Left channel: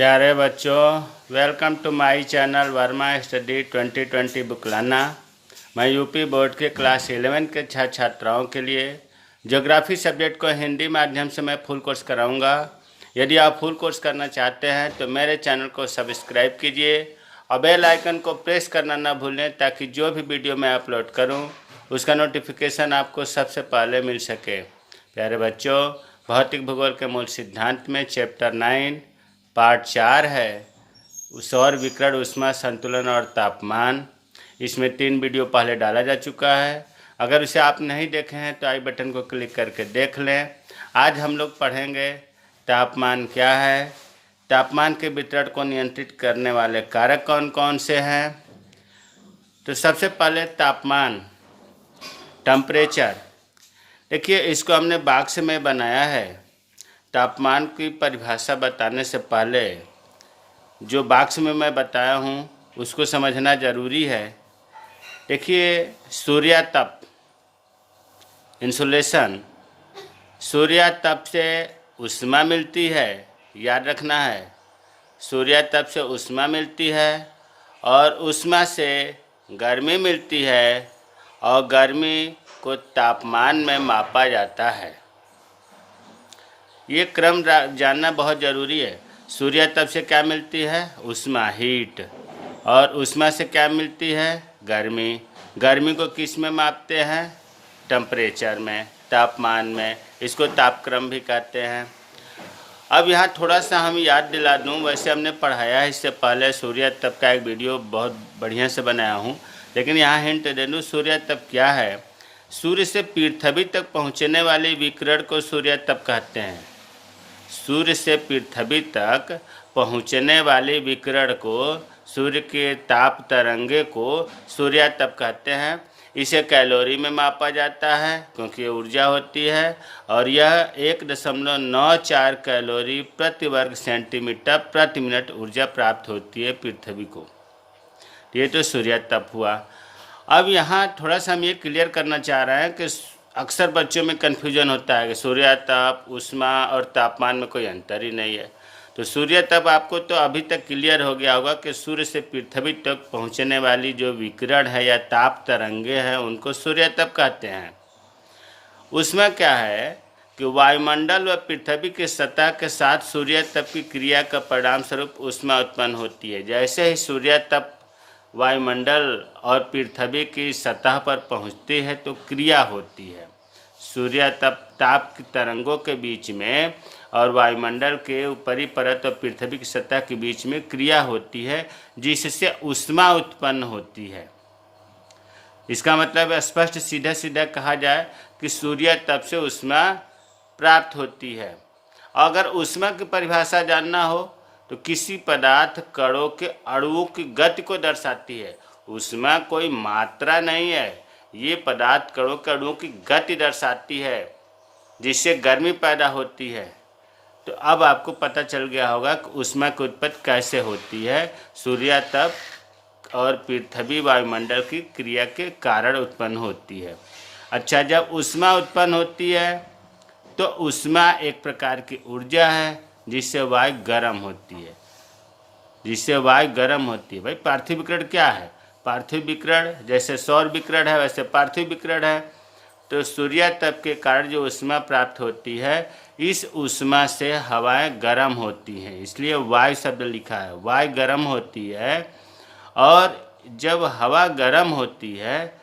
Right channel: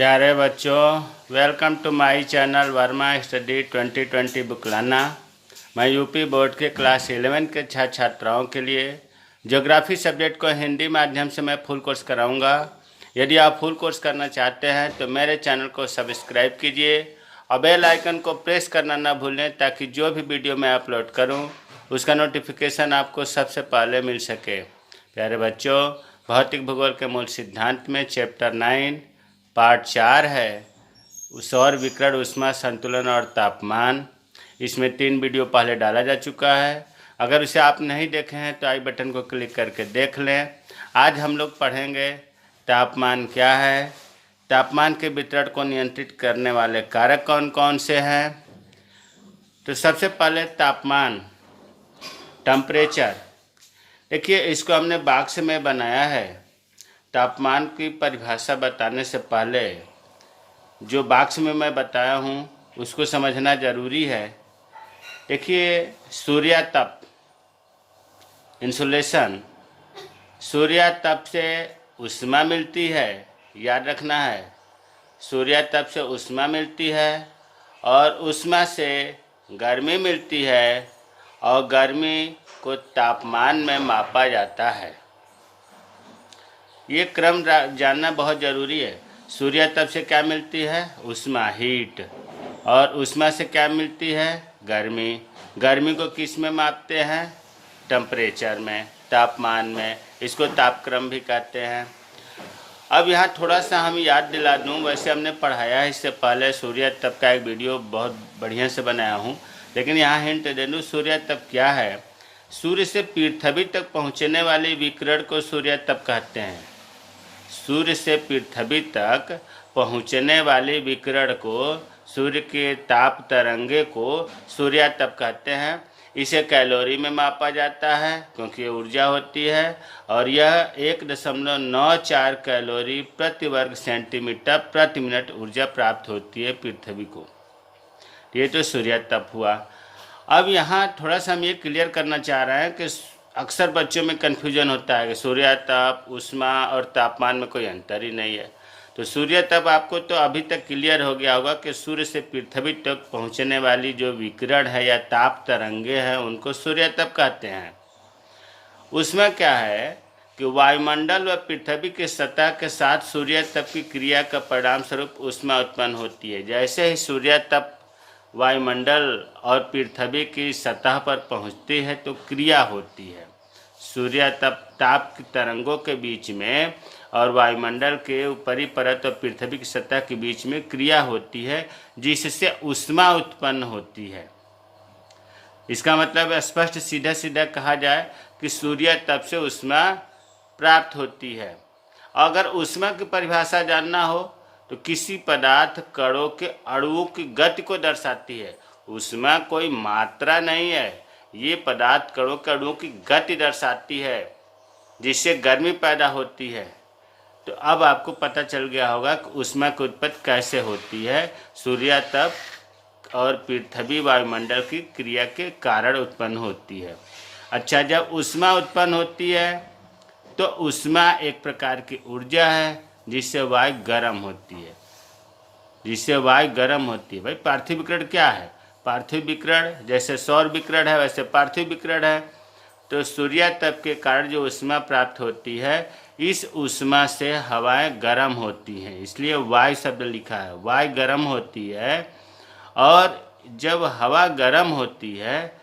प्यारे बच्चों, welcome to my channel Verma study 2020 बुकलाना। मैं यूपी बोर्ड के क्लास 11 के छात्राओं के लिए ज्योग्राफी सब्जेक्ट को हिंदी माध्यम से मैं फुल कोर्स कराऊंगा। यदि आप फुल कोर्स करना चाहते हैं तो मेरे चैनल को सब्सक्राइब कीजिए और बेल आइकन को प्रेस करना ना भूलें, ताकि जो भी वीडियो मैं अपलोड करूं उसका नोटिफिकेशन आपको सबसे पहले मिल सके। प्यारे बच्चों, भौतिक भूगोल के मूल सिद्धांत में चैप्टर 9 पार्ट 4 है सौर विकिरण, ऊष्मा संतुलन और तापमान। इसमें 3 वीडियो पहले डाला जा चुका है। अगर उसे आप नहीं देखे हैं तो आई बटन को क्लिक करके देख लें। आज हम लोग पढ़ेंगे तापमान क्या है, तापमान के वितरण को नियंत्रित करने वाले कारक कौन कौन से हैं। तो सबसे पहले तापमान, टेम्परेचर। देखिए, इसको हमने बॉक्स में बनाया है। तापमान की परिभाषा बताने से पहले जो बॉक्स में मैं बताया हूँ उसको समझना ज़रूरी है। देखिए, सूर्यातप, इंसुलेशन, सूर्यातप से ऊष्मा मिलती है, याद रखना है। सूर्यातप से ऊष्मा मिलती है और ऊष्मा से गर्मी मिलती है और गर्मी को तापमान में मापा जाता है। ये क्रम जानना बहुत ज़रूरी है। सूर्यातप से क्या मिलती है? ऊष्मा, हीट। और ऊष्मा से क्या मिलती है? गर्मी। गर्मी को किस में मापते हैं? टेम्परेचर में, तापमान में। इसको तापक्रम भी कहते हैं। अब यहाँ थोड़ा सा हम याद दिला दूँ, वैसे हमने पढ़ाया है इससे पहले। सूर्यातप का एक वीडियो बहुत बढ़िया से बनाया हूँ, लेकिन यहाँ हिंट दे दूँ। सूर्यातप क्या है? सूर्य से पृथ्वी तक पहुँचने वाले विकिरण को सूर्यातप कहते हैं। सूर्य से पृथ्वी तक पहुँचने वाले विकिरण को, सूर्य के ताप तरंगे को सूर्यातप कहते हैं। इसे कैलोरी में मापा जाता है क्योंकि ये ऊर्जा होती है, और यह 1.94 कैलोरी प्रति वर्ग सेंटीमीटर प्रति मिनट ऊर्जा प्राप्त होती है पृथ्वी को। ये तो सूर्यातप हुआ। अब यहाँ थोड़ा सा हम ये क्लियर करना चाह रहे हैं कि अक्सर बच्चों में कन्फ्यूजन होता है कि सूर्यातप, ऊष्मा और तापमान में कोई अंतर ही नहीं है। तो सूर्यातप आपको तो अभी तक क्लियर हो गया होगा कि सूर्य से पृथ्वी तक पहुंचने वाली जो विकिरण है या ताप तरंगे हैं उनको सूर्यातप कहते हैं। ऊष्मा क्या है कि वायुमंडल व पृथ्वी की सतह के साथ सूर्यातप की क्रिया का परिणाम स्वरूप ऊष्मा उत्पन्न होती है। जैसे ही सूर्यातप वायुमंडल और पृथ्वी की सतह पर पहुंचती है तो क्रिया होती है। सूर्यातप ताप की तरंगों के बीच में और वायुमंडल के ऊपरी परत और पृथ्वी की सतह के बीच में क्रिया होती है, जिससे ऊष्मा उत्पन्न होती है। इसका मतलब स्पष्ट सीधा सीधा कहा जाए कि सूर्यातप से ऊष्मा प्राप्त होती है। अगर ऊष्मा की परिभाषा जानना हो तो किसी पदार्थ कणों के अणुओं की गति को दर्शाती है। ऊष्मा कोई मात्रा नहीं है, ये पदार्थ कणों के अणुओं की गति दर्शाती है, जिससे गर्मी पैदा होती है। तो अब आपको पता चल गया होगा कि ऊष्मा की उत्पत्ति कैसे होती है। सूर्यातप और पृथ्वी वायुमंडल की क्रिया के कारण उत्पन्न होती है। अच्छा, जब ऊष्मा उत्पन्न होती है तो ऊष्मा एक प्रकार की ऊर्जा है जिससे वायु गर्म होती है, भाई पार्थिव विकिरण क्या है? पार्थिव विकिरण जैसे सौर विकिरण है वैसे पार्थिव विकिरण है। तो सूर्यातप के कारण जो ऊष्मा प्राप्त होती है, इस ऊष्मा से हवाएं गर्म होती हैं, इसलिए वायु शब्द लिखा है। वायु गर्म होती है, और जब हवा गर्म होती है,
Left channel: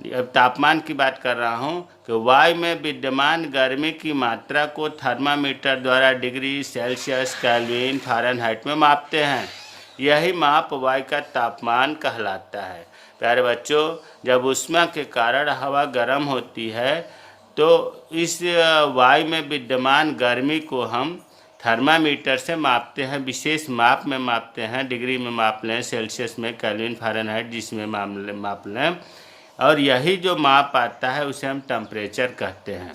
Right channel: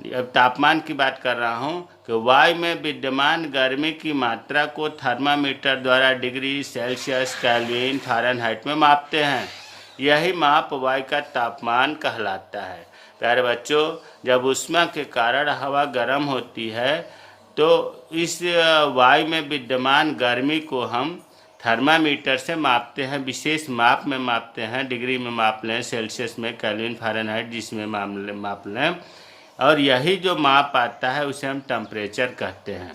अब तापमान की बात कर रहा हूँ, कि वायु में विद्यमान गर्मी की मात्रा को थर्मामीटर द्वारा डिग्री सेल्सियस, केल्विन, फ़ारेनहाइट में मापते हैं। यही माप वायु का तापमान कहलाता है। प्यारे बच्चों, जब ऊष्मा के कारण हवा गर्म होती है तो इस वायु में विद्यमान गर्मी को हम थर्मामीटर से मापते हैं, विशेष माप में मापते हैं। डिग्री में माप लें, सेल्सियस में, केल्विन, फ़ारेनहाइट जिसमें माप लें, और यही जो माप आता है उसे हम टेम्परेचर कहते हैं।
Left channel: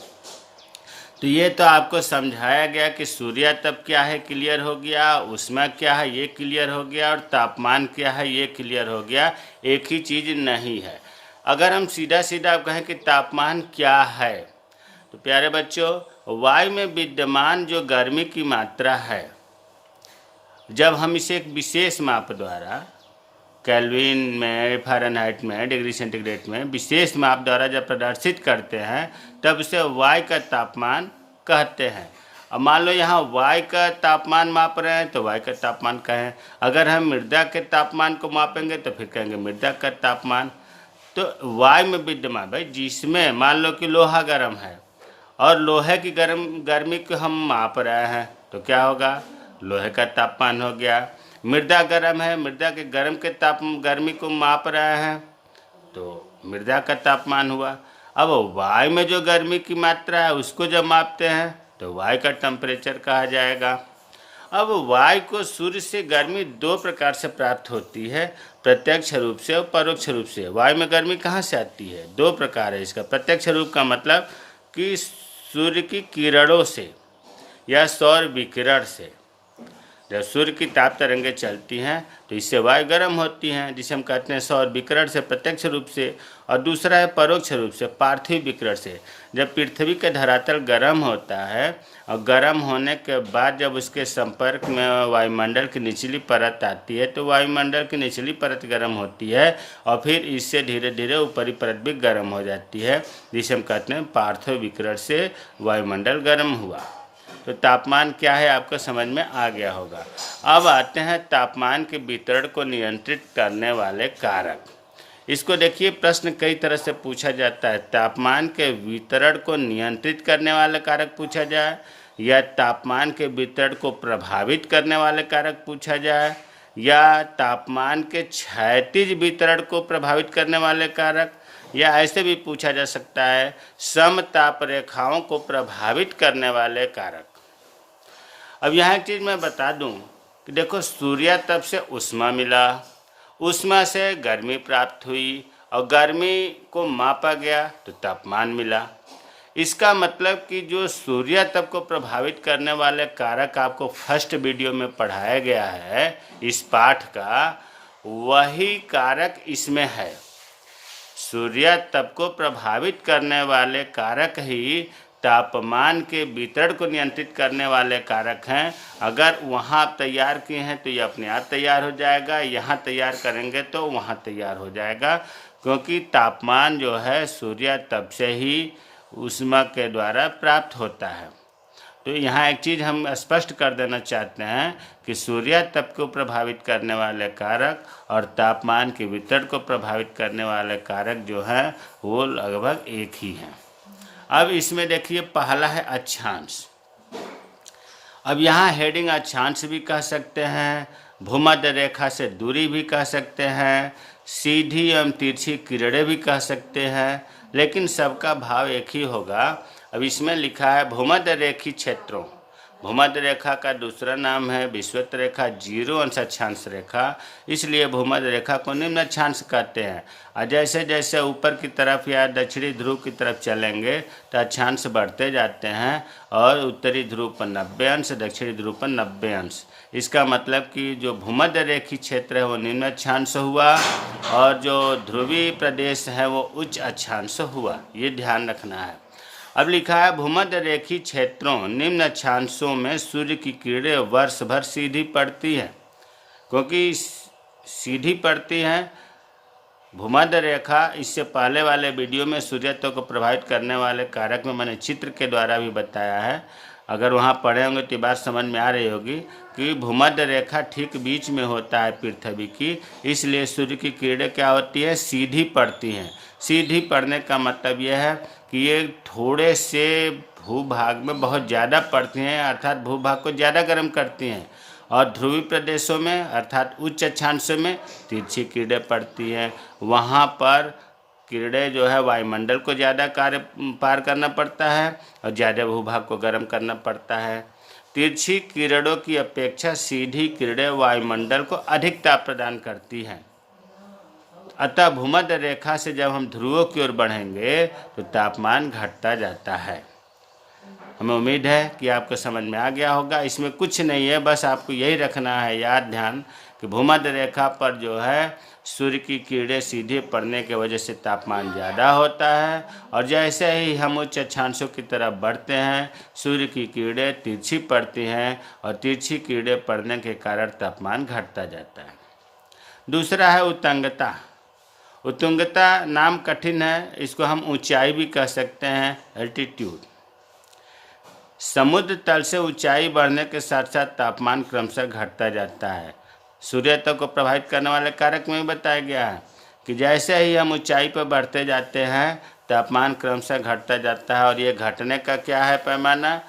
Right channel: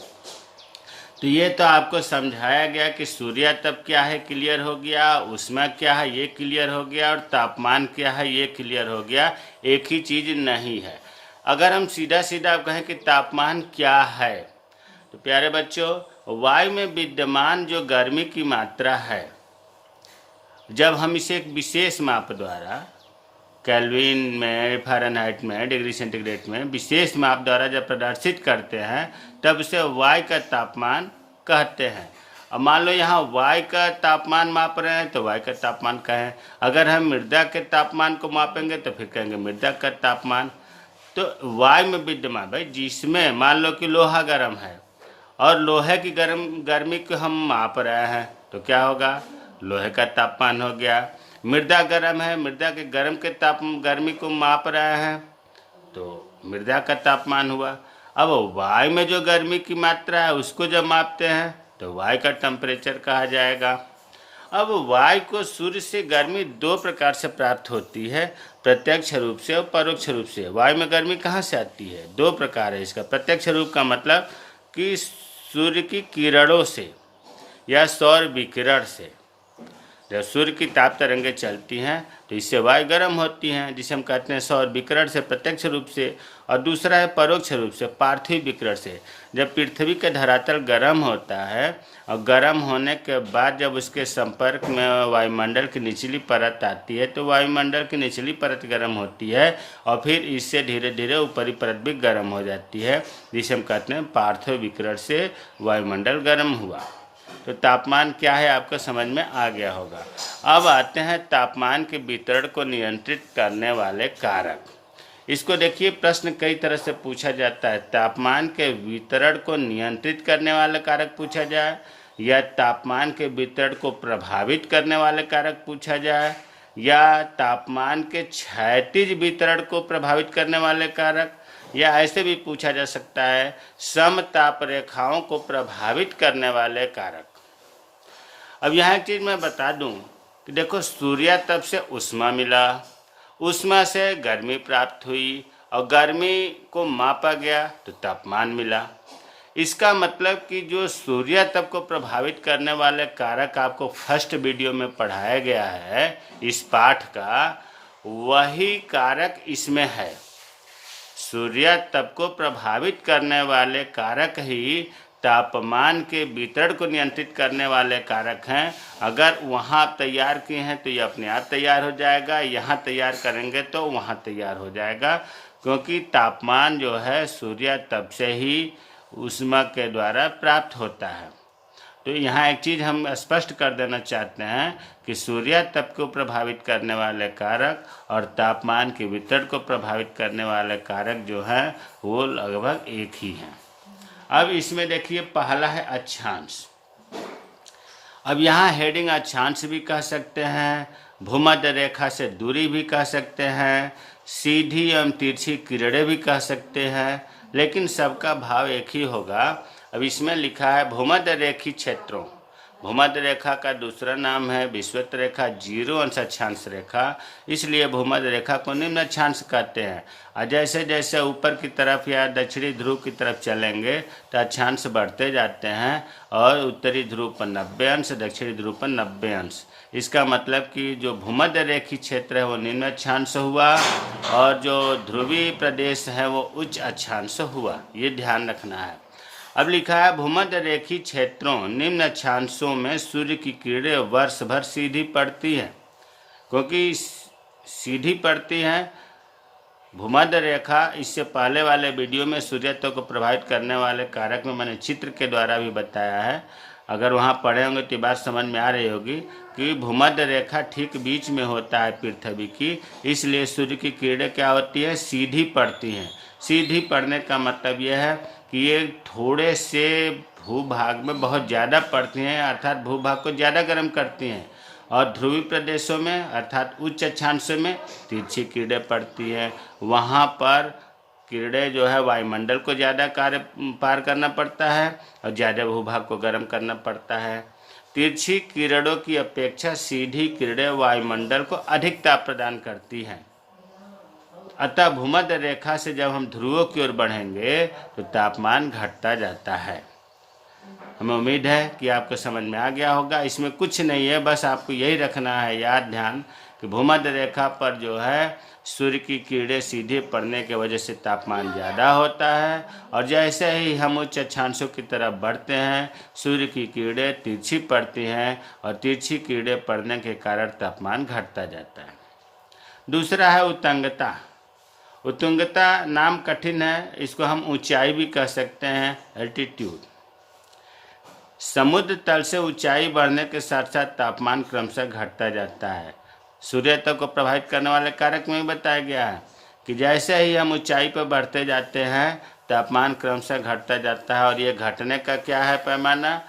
तो ये तो आपको समझाया गया कि सूर्यातप क्या है, क्लियर हो गया। ऊष्मा क्या है, ये क्लियर हो गया। और तापमान क्या है, ये क्लियर हो गया। एक ही चीज़ नहीं है। अगर हम सीधा सीधा कहें कि तापमान क्या है, तो प्यारे बच्चों, वायु में विद्यमान जो गर्मी की मात्रा है जब हम इसे एक विशेष माप द्वारा केल्विन में, फ़ारेनहाइट में, डिग्री सेंटीग्रेड में विशेष माप द्वारा जब प्रदर्शित करते हैं तब इसे वायु का तापमान कहते हैं। अब मान लो यहाँ वायु का तापमान माप रहे हैं तो वायु का तापमान कहें। अगर हम मृदा के तापमान को मापेंगे तो फिर कहेंगे मृदा का तापमान। तो वायु में विद्यमान भाई जिसमें मान लो कि लोहा गर्म है और लोहे की गर्मी को हम माप रहे हैं तो क्या होगा, लोहे का तापमान हो गया। मृदा गर्म है, मृदा के गर्मी को माप रहे हैं तो मृदा का तापमान हुआ। अब वायु में जो गर्मी की मात्रा है उसको जब मापते हैं तो वायु का टेम्परेचर कहा जाएगा। अब वायु को सूर्य से गर्मी दो प्रकार से प्राप्त होती है, प्रत्यक्ष रूप से और परोक्ष रूप से। वायु में गर्मी कहाँ से आती है, दो प्रकार है इसका। प्रत्यक्ष रूप का मतलब कि सूर्य की किरणों से या सौर विकिरण से। जब सूर्य की ताप तरंगें चलती हैं तो इससे वायु गर्म होती हैं, जिसे हम कहते हैं सौर विकिरण से प्रत्यक्ष रूप से। और दूसरा है परोक्ष रूप से, पार्थिव विकिरण से। जब पृथ्वी का धरातल गर्म होता है और गर्म होने के बाद जब उसके संपर्क में वायुमंडल की निचली परत आती है तो वायुमंडल की निचली परत गर्म होती है और फिर इससे धीरे धीरे ऊपरी परत भी गर्म हो जाती है, जिसे हम कहते हैं पार्थिव विकिरण से वायुमंडल गर्म हुआ। तो तापमान क्या है आपको समझ में आ गया होगा। अब आते हैं तापमान के वितरण को नियंत्रित करने वाले कारक। इसको देखिए, प्रश्न कई तरह से पूछा जाता है। तापमान के वितरण को नियंत्रित करने वाले कारक पूछा जाए, या तापमान के वितरण को प्रभावित करने वाले कारक पूछा जाए, या तापमान के क्षैतिज वितरण को प्रभावित करने वाले कारक, या ऐसे भी पूछा जा सकता है समताप रेखाओं को प्रभावित करने वाले कारक। अब यहाँ एक चीज़ मैं बता दूं कि देखो, सूर्यातप से ऊष्मा मिला, ऊष्मा से गर्मी प्राप्त हुई और गर्मी को मापा गया तो तापमान मिला। इसका मतलब कि जो सूर्यातप को प्रभावित करने वाले कारक आपको फर्स्ट वीडियो में पढ़ाया गया है इस पाठ का, वही कारक इसमें है। सूर्यातप को प्रभावित करने वाले कारक ही तापमान के वितरण को नियंत्रित करने वाले कारक हैं। अगर वहाँ आप तैयार किए हैं तो ये अपने आप तैयार हो जाएगा, यहाँ तैयार करेंगे तो वहाँ तैयार हो जाएगा, क्योंकि तापमान जो है सूर्यातप से ही ऊष्मा के द्वारा प्राप्त होता है। तो यहाँ एक चीज़ हम स्पष्ट कर देना चाहते हैं कि सूर्यातप को प्रभावित करने वाले कारक और तापमान के वितरण को प्रभावित करने वाले कारक जो हैं वो लगभग एक ही हैं। अब इसमें देखिए, पहला है अक्षांश। अब यहाँ हेडिंग अक्षांश भी कह सकते हैं, भूमध्य रेखा से दूरी भी कह सकते हैं, सीधी एवं तिरछी किरणें भी कह सकते हैं, लेकिन सबका भाव एक ही होगा। अब इसमें लिखा है भूमध्य रेखी क्षेत्रों। भूमध्य रेखा का दूसरा नाम है विषुवत रेखा, 0 अंश अक्षांश रेखा, इसलिए भूमध्य रेखा को निम्न अक्षांश कहते हैं। और जैसे जैसे ऊपर की तरफ या दक्षिणी ध्रुव की तरफ चलेंगे तो अक्षांश बढ़ते जाते हैं और उत्तरी ध्रुव पर 90 अंश, दक्षिणी ध्रुव पर 90 अंश। इसका मतलब कि जो भूमध्य रेखी क्षेत्र है वो निम्न अक्षांश हुआ और जो ध्रुवीय प्रदेश है वो उच्च अक्षांश हुआ, ये ध्यान रखना है। अब लिखा है भूमध्य रेखी क्षेत्रों निम्न अक्षांशों में सूर्य की किरणें वर्ष भर सीधी पड़ती हैं। क्योंकि सीधी पड़ती हैं भूमध्य रेखा, इससे पहले वाले वीडियो में सूर्यातप को प्रभावित करने वाले कारक में मैंने चित्र के द्वारा भी बताया है। अगर वहाँ पढ़े होंगे तो बात समझ में आ रही होगी कि भूमध्य रेखा ठीक बीच में होता है पृथ्वी की, इसलिए सूर्य की किरणें क्या होती है, सीधी पड़ती हैं। सीधी पड़ने का मतलब यह है कि ये थोड़े से भूभाग में बहुत ज़्यादा पड़ती हैं, अर्थात भूभाग को ज़्यादा गर्म करती हैं, और ध्रुवीय प्रदेशों में अर्थात उच्च अक्षांशों में तिरछी किरणें पड़ती हैं। वहाँ पर किरणें जो है वायुमंडल को ज़्यादा पार करना पड़ता है और ज़्यादा भूभाग को गर्म करना पड़ता है। तिरछी किरणों की अपेक्षा सीधी किरणें वायुमंडल को अधिक ताप प्रदान करती हैं। अतः भूमध्य रेखा से जब हम ध्रुवों की ओर बढ़ेंगे तो तापमान घटता जाता है। हमें उम्मीद है कि आपको समझ में आ गया होगा। इसमें कुछ नहीं है, बस आपको यही रखना है याद ध्यान कि भूमध्य रेखा पर जो है सूर्य की किरणें सीधे पड़ने की वजह से तापमान ज़्यादा होता है, और जैसे ही हम उच्च अक्षांशों की तरफ बढ़ते हैं सूर्य की किरणें तिरछी पड़ती हैं और तिरछी किरणें पड़ने के कारण तापमान घटता जाता है। दूसरा है उत्तुंगता। उत्तुंगता नाम कठिन है, इसको हम ऊंचाई भी कह सकते हैं, एल्टीट्यूड। समुद्र तल से ऊंचाई बढ़ने के साथ साथ तापमान क्रमशः घटता जाता है। सूर्यता को प्रभावित करने वाले कारक में बताया गया है कि जैसे ही हम ऊंचाई पर बढ़ते जाते हैं तापमान क्रमशः घटता जाता है, और ये घटने का क्या है पैमाना,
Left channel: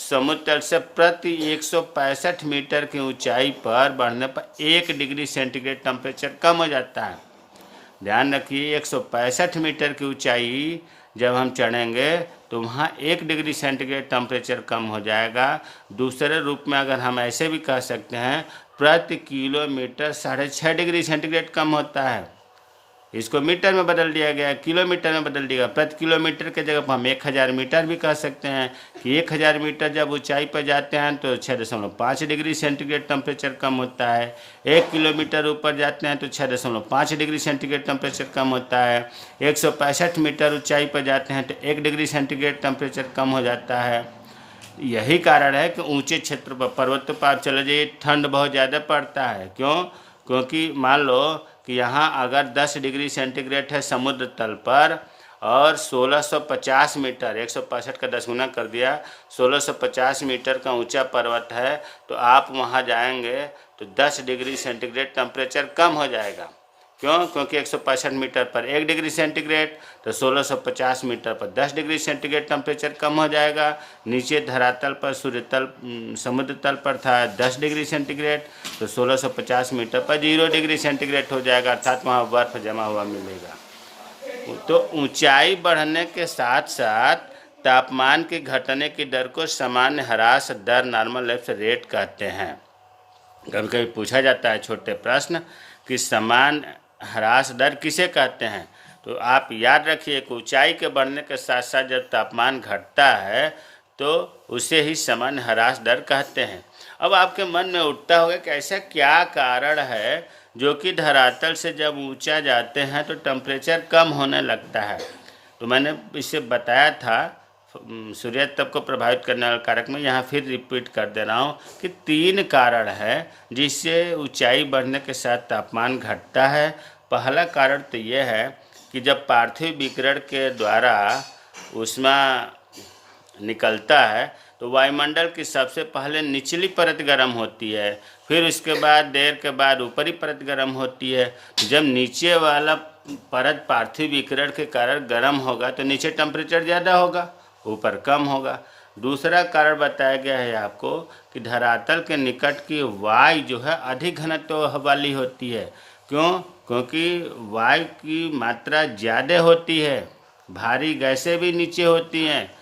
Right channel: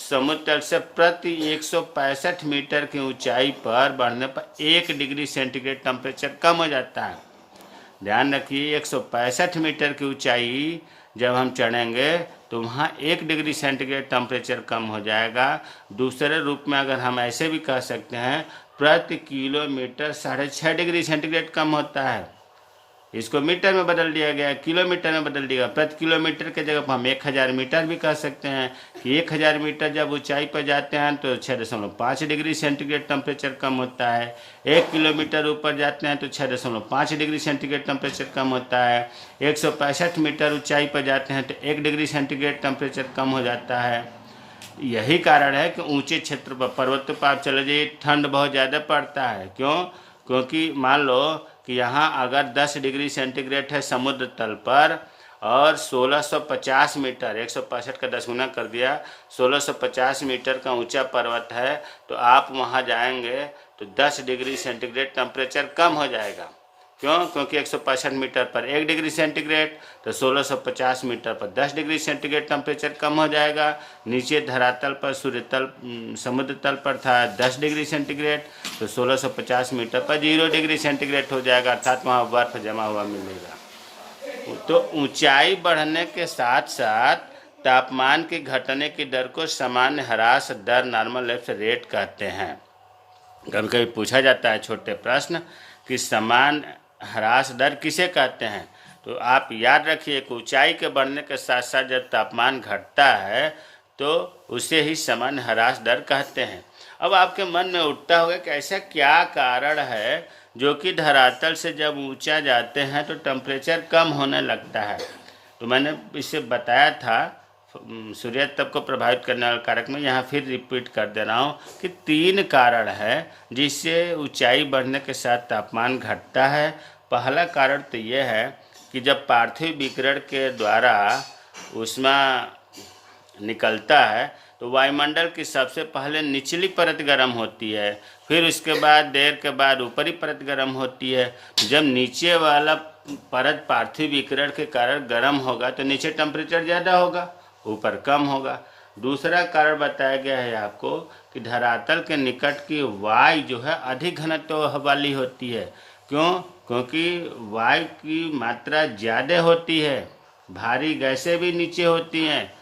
समुद्र तल से प्रति 165 मीटर की ऊंचाई पर बढ़ने पर 1 डिग्री सेंटीग्रेड टेम्परेचर कम हो जाता है। ध्यान रखिए, 165 मीटर की ऊंचाई जब हम चढ़ेंगे तो वहाँ 1 डिग्री सेंटीग्रेड टेम्परेचर कम हो जाएगा। दूसरे रूप में अगर हम ऐसे भी कह सकते हैं, प्रति किलोमीटर 6.5 डिग्री सेंटीग्रेड कम होता है। इसको मीटर में बदल दिया गया, किलोमीटर में बदल दिया। प्रति किलोमीटर के जगह हम 1000 मीटर भी कह सकते हैं कि 1000 मीटर जब ऊंचाई पर जाते हैं तो 6.5 डिग्री सेंटीग्रेड टेम्परेचर कम होता है। 1 किलोमीटर ऊपर जाते हैं तो 6.5 डिग्री सेंटीग्रेड टेम्परेचर कम होता है। 165 मीटर ऊंचाई पर जाते हैं तो 1 डिग्री सेंटीग्रेड टेम्परेचर कम हो जाता है। यही कारण है कि ऊंचे क्षेत्र पर, पर्वतों पर आप चले जाइए, ठंड बहुत ज़्यादा पड़ता है। क्यों? क्योंकि मान लो कि यहाँ अगर 10 डिग्री सेंटीग्रेड है समुद्र तल पर और 1650 मीटर, 165 का 10 गुना कर दिया, 1650 मीटर का ऊंचा पर्वत है, तो आप वहाँ जाएंगे तो 10 डिग्री सेंटीग्रेड टेम्परेचर कम हो जाएगा। क्यों? क्योंकि 165 मीटर पर 1 डिग्री सेंटीग्रेड, तो 1650 मीटर पर 10 डिग्री सेंटीग्रेड टेम्परेचर कम हो जाएगा। नीचे धरातल पर, समुद्र तल पर था 10 डिग्री सेंटीग्रेड, तो 1650 मीटर पर 0 डिग्री सेंटीग्रेड हो जाएगा, अर्थात वहाँ बर्फ जमा हुआ मिलेगा। तो ऊंचाई बढ़ने के साथ साथ तापमान के घटने की दर को सामान्य ह्रास दर, नॉर्मल लैप्स रेट कहते हैं। कभी कभी पूछा जाता है छोटे प्रश्न कि सामान्य ह्रास दर किसे कहते हैं, तो आप याद रखिए कि ऊंचाई के बढ़ने के साथ साथ जब तापमान घटता है तो उसे ही सामान्य ह्रास दर कहते हैं। अब आपके मन में उठता होगा कि ऐसा क्या कारण है जो कि धरातल से जब ऊंचा जाते हैं तो टेम्परेचर कम होने लगता है। तो मैंने इसे बताया था सूर्य तप को प्रभावित करने वाले कारक में, यहाँ फिर रिपीट कर दे रहा हूँ कि 3 कारण है जिससे ऊंचाई बढ़ने के साथ तापमान घटता है। पहला कारण तो यह है कि जब पार्थिव विकिरण के द्वारा ऊष्मा निकलता है तो वायुमंडल की सबसे पहले निचली परत गर्म होती है, फिर उसके बाद देर के बाद ऊपरी परत गर्म होती है। जब नीचे वाला परत पार्थिव विकिरण के कारण गर्म होगा तो नीचे टेम्परेचर ज़्यादा होगा, ऊपर कम होगा। दूसरा कारण बताया गया है आपको कि धरातल के निकट की वायु जो है अधिक घनत्व वाली होती है। क्यों? क्योंकि वायु की मात्रा ज़्यादा होती है, भारी गैसें भी नीचे होती हैं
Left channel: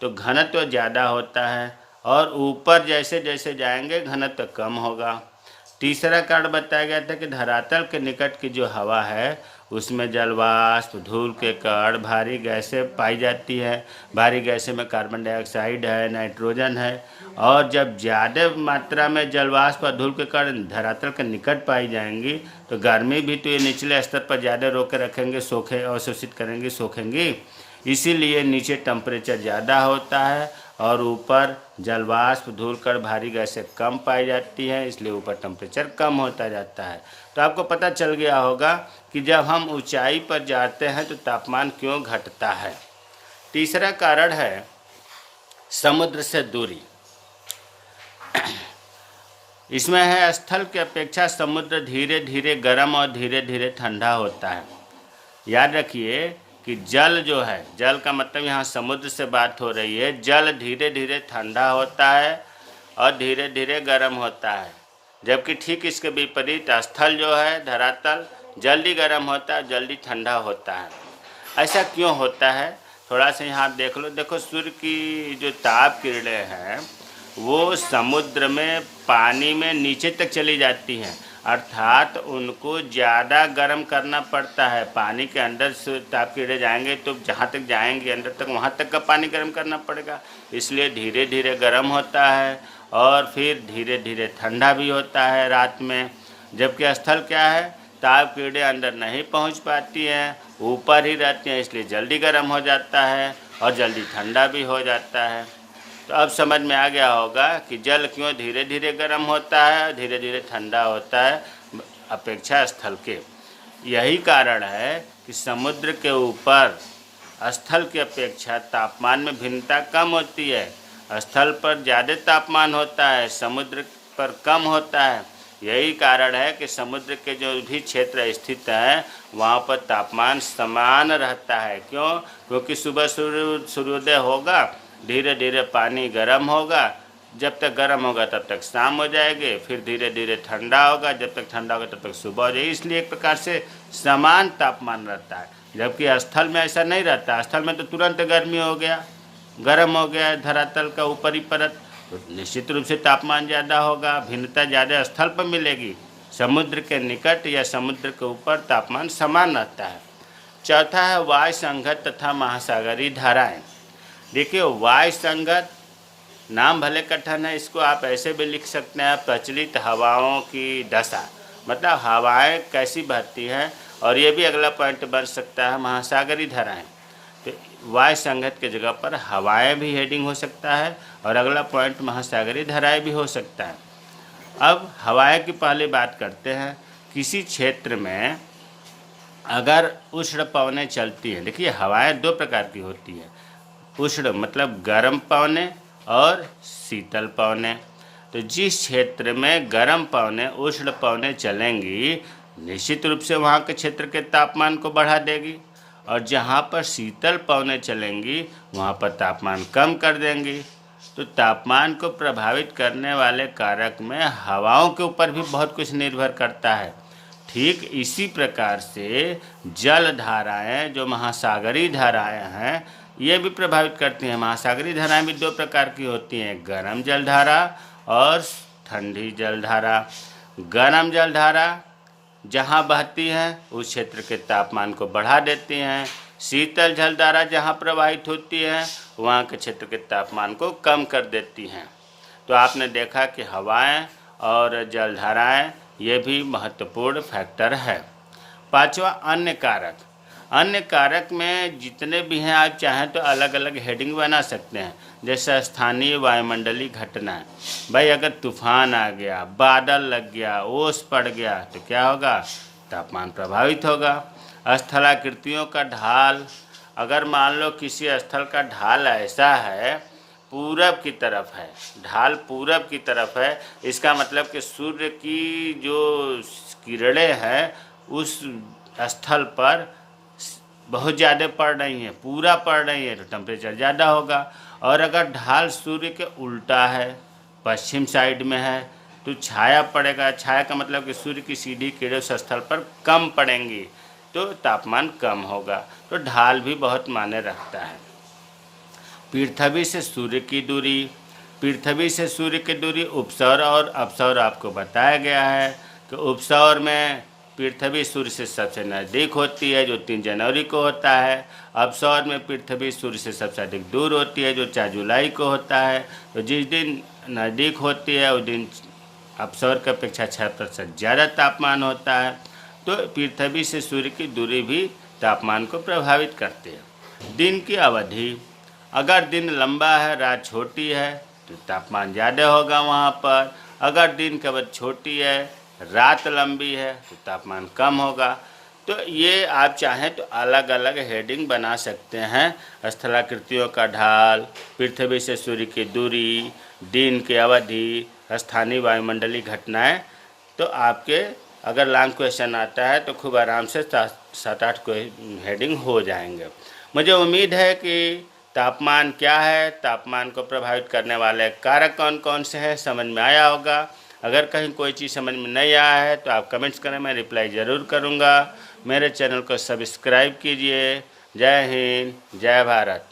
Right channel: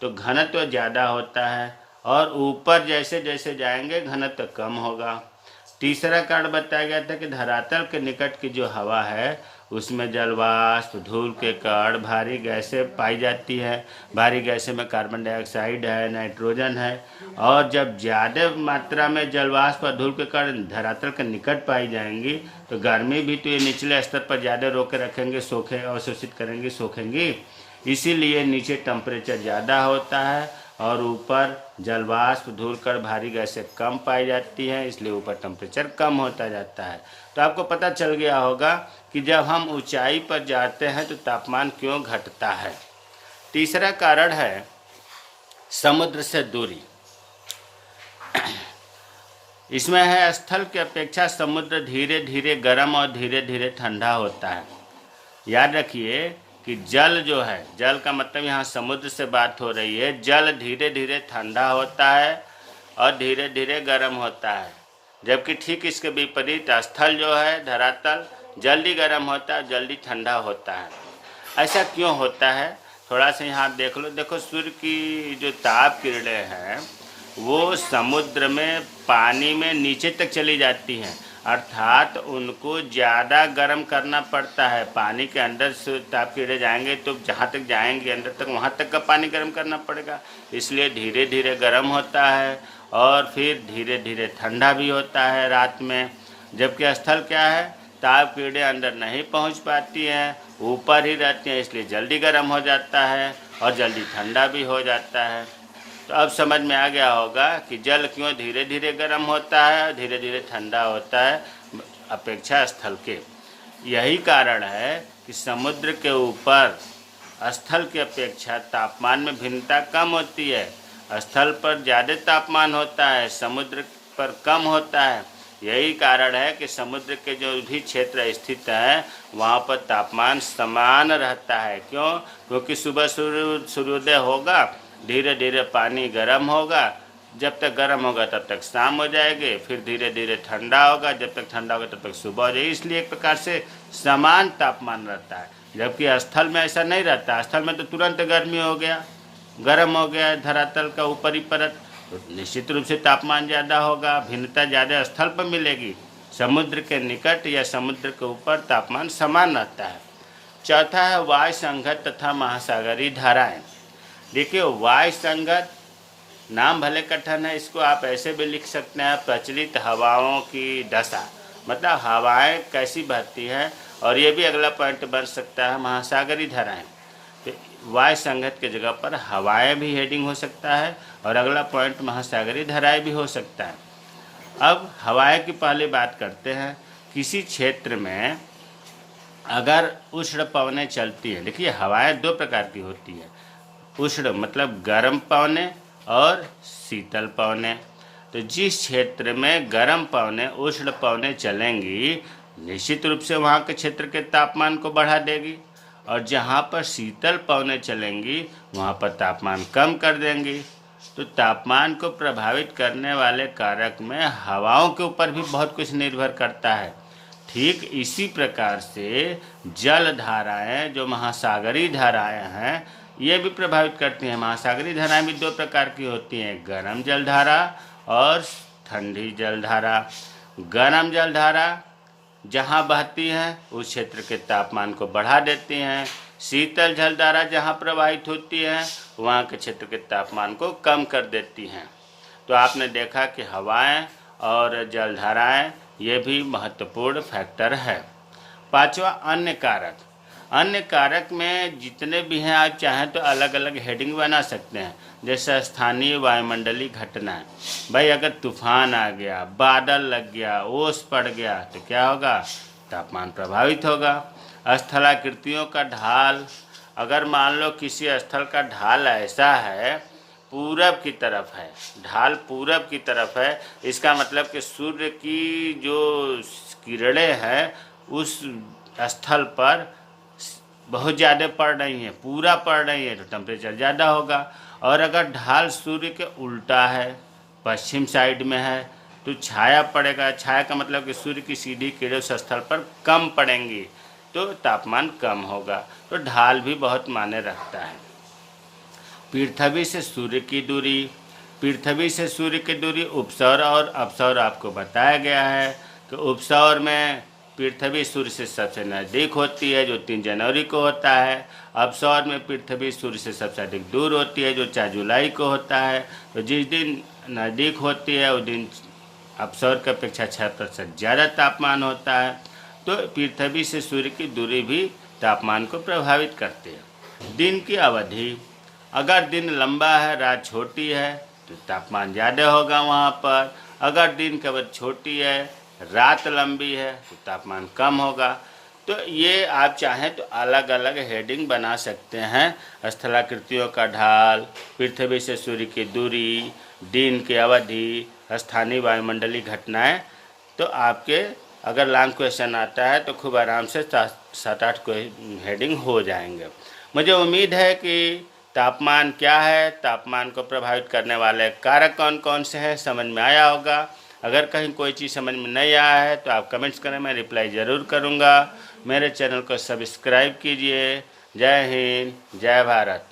तो घनत्व ज़्यादा होता है, और ऊपर जैसे जैसे जाएंगे घनत्व कम होगा। तीसरा कारण बताया गया था कि धरातल के निकट की जो हवा है उसमें जलवाष्प, धूल के कण, भारी गैसें पाई जाती है। भारी गैसें में कार्बन डाइऑक्साइड है, नाइट्रोजन है, और जब ज़्यादा मात्रा में जलवाष्प और धूल के कण धरातल के निकट पाई जाएंगी तो गर्मी भी तो ये निचले स्तर पर ज़्यादा रोक के रखेंगे, सोखे अवशोषित करेंगी, सोखेंगी। इसीलिए नीचे टेम्परेचर ज़्यादा होता है और ऊपर जलवाष्प, धूल कण, भारी गैसें कम पाई जाती हैं, इसलिए ऊपर टेम्परेचर कम होता जाता है। तो आपको पता चल गया होगा कि जब हम ऊंचाई पर जाते हैं तो तापमान क्यों घटता है। तीसरा कारण है समुद्र से दूरी। इसमें है स्थल की अपेक्षा समुद्र धीरे धीरे गर्म और धीरे धीरे ठंडा होता है। याद रखिए कि जल जो है, जल का मतलब यहाँ समुद्र से बात हो रही है, जल धीरे धीरे ठंडा होता है और धीरे धीरे गर्म होता है, जबकि ठीक इसके विपरीत स्थल जो है, धरातल, जल्दी गर्म होता है, जल्दी ठंडा होता है। ऐसा क्यों होता है? थोड़ा सा यहाँ देख लो। देखो, सूर्य की जो ताप किरणें हैं वो समुद्र में पानी में नीचे तक चली जाती हैं, अर्थात उनको ज़्यादा गर्म करना पड़ता है। पानी के अंदर से ताप किरणें जाएंगे तो जहाँ तक जाएंगे अंदर तक, वहाँ तक का पानी गर्म करना पड़ेगा, इसलिए धीरे धीरे गर्म होता है और फिर धीरे धीरे ठंडा भी होता है रात में। जबकि स्थल क्या है, ताप कीड़े अंदर नहीं पहुंच पाती हैं, ऊपर ही रहती हैं, इसलिए जल्दी गर्म हो जाता है और जल्दी ठंडा भी हो जाता है। तो अब समझ में आ गया होगा कि जल क्यों धीरे धीरे गर्म होता है और धीरे धीरे ठंडा होता है अपेक्षा स्थल के। यही कारण है कि समुद्र के ऊपर स्थल की अपेक्षा तापमान में भिन्नता कम होती है। स्थल पर ज़्यादा तापमान होता है, समुद्र पर कम होता है। यही कारण है कि समुद्र के जो भी क्षेत्र स्थित है वहाँ पर तापमान समान रहता है। क्यों? क्योंकि सुबह सूर्योदय होगा, धीरे धीरे पानी गर्म होगा, जब तक गर्म होगा तब तक शाम हो जाएगी, फिर धीरे धीरे ठंडा होगा, जब तक ठंडा होगा तब तक सुबह हो जाएगी। इसलिए एक प्रकार से समान तापमान रहता है, जबकि स्थल में ऐसा नहीं रहता। स्थल में तो तुरंत गर्मी हो गया, गर्म हो गया धरातल का ऊपरी परत, तो निश्चित रूप से तापमान ज़्यादा होगा, भिन्नता ज़्यादा स्थल पर मिलेगी। समुद्र के निकट या समुद्र के ऊपर तापमान समान रहता है। चौथा है वायु संगत तथा महासागरीय धाराएं। देखिए, वायु संगत नाम भले कठिन है, इसको आप ऐसे भी लिख सकते हैं प्रचलित हवाओं की दशा, मतलब हवाएं कैसी बहती हैं। और ये भी अगला पॉइंट बन सकता है महासागरीय धाराएं। तो वायु संगत की जगह पर हवाएं भी हेडिंग हो सकता है और अगला पॉइंट महासागरीय धाराएं भी हो सकता है। अब हवाएं की पहले बात करते हैं। किसी क्षेत्र में अगर उष्ण पवनें चलती हैं, देखिए हवाएं दो प्रकार की होती हैं, उष्ण मतलब गर्म पवनें और शीतल पवनें। तो जिस क्षेत्र में गर्म पवनें उष्ण पवनें चलेंगी, निश्चित रूप से वहाँ के क्षेत्र के तापमान को बढ़ा देगी, और जहाँ पर शीतल पवनें चलेंगी वहाँ पर तापमान कम कर देंगी। तो तापमान को प्रभावित करने वाले कारक में हवाओं के ऊपर भी बहुत कुछ निर्भर करता है। ठीक इसी प्रकार से जल धाराएँ जो महासागरीय धाराएँ हैं ये भी प्रभावित करती हैं। महासागरीय धाराएँ भी दो प्रकार की होती हैं, गर्म जलधारा और ठंडी जलधारा। गर्म जलधारा जहाँ बहती हैं उस क्षेत्र के तापमान को बढ़ा देती हैं। शीतल जलधारा जहाँ प्रवाहित होती है वहाँ के क्षेत्र के तापमान को कम कर देती हैं। तो आपने देखा कि हवाएं और जलधाराएं ये भी महत्वपूर्ण फैक्टर है। पांचवा, अन्य कारक। अन्य कारक में जितने भी हैं आप चाहें तो अलग अलग हेडिंग बना सकते हैं, जैसे स्थानीय वायुमंडलीय घटनाएं। भाई अगर तूफान आ गया, बादल लग गया, ओस पड़ गया तो क्या होगा, तापमान प्रभावित होगा। स्थलाकृतियों का ढाल, अगर मान लो किसी स्थल का ढाल ऐसा है पूरब की तरफ है, ढाल पूरब की तरफ है, इसका मतलब कि सूर्य की जो किरणें हैं उस स्थल पर बहुत ज़्यादा पड़ रही हैं, पूरा पड़ रही है, तो टेम्परेचर ज़्यादा होगा। और अगर ढाल सूर्य के उल्टा है, पश्चिम साइड में है, तो छाया पड़ेगा। छाया का मतलब कि सूर्य की सीधी किरणें उस स्थल पर कम पड़ेंगी तो तापमान कम होगा। तो ढाल भी बहुत मायने रखता है। पृथ्वी से सूर्य की दूरी, पृथ्वी से सूर्य की दूरी उपसौर और अपसौर आपको बताया गया है कि उपसौर में पृथ्वी सूर्य से सबसे नज़दीक होती है जो 3 जनवरी को होता है। अपसौर में पृथ्वी सूर्य से सबसे अधिक दूर होती है जो 4 जुलाई को होता है। तो जिस दिन नज़दीक होती है उस दिन अपसौर की अपेक्षा 6% ज़्यादा तापमान होता है। तो पृथ्वी से सूर्य की दूरी भी तापमान को प्रभावित करती है। दिन की अवधि, अगर दिन लंबा है रात छोटी है तो तापमान ज़्यादा होगा वहाँ पर। अगर दिन की अवधि छोटी है रात लंबी है तो तापमान कम होगा। तो ये आप चाहें तो अलग अलग हेडिंग बना सकते हैं। स्थलाकृतियों का ढाल, पृथ्वी से सूर्य की दूरी, दिन की अवधि, स्थानीय वायुमंडलीय घटनाएं। तो आपके अगर लॉन्ग क्वेश्चन आता है तो खूब आराम से 7-8 हेडिंग हो जाएंगे। मुझे उम्मीद है कि तापमान क्या है, तापमान को प्रभावित करने वाले कारक कौन कौन से हैं, समझ में आया होगा। अगर कहीं कोई चीज़ समझ में नहीं आया है तो आप कमेंट्स करें, मैं रिप्लाई ज़रूर करूँगा। मेरे चैनल को सब्सक्राइब कीजिए। जय हिंद, जय भारत।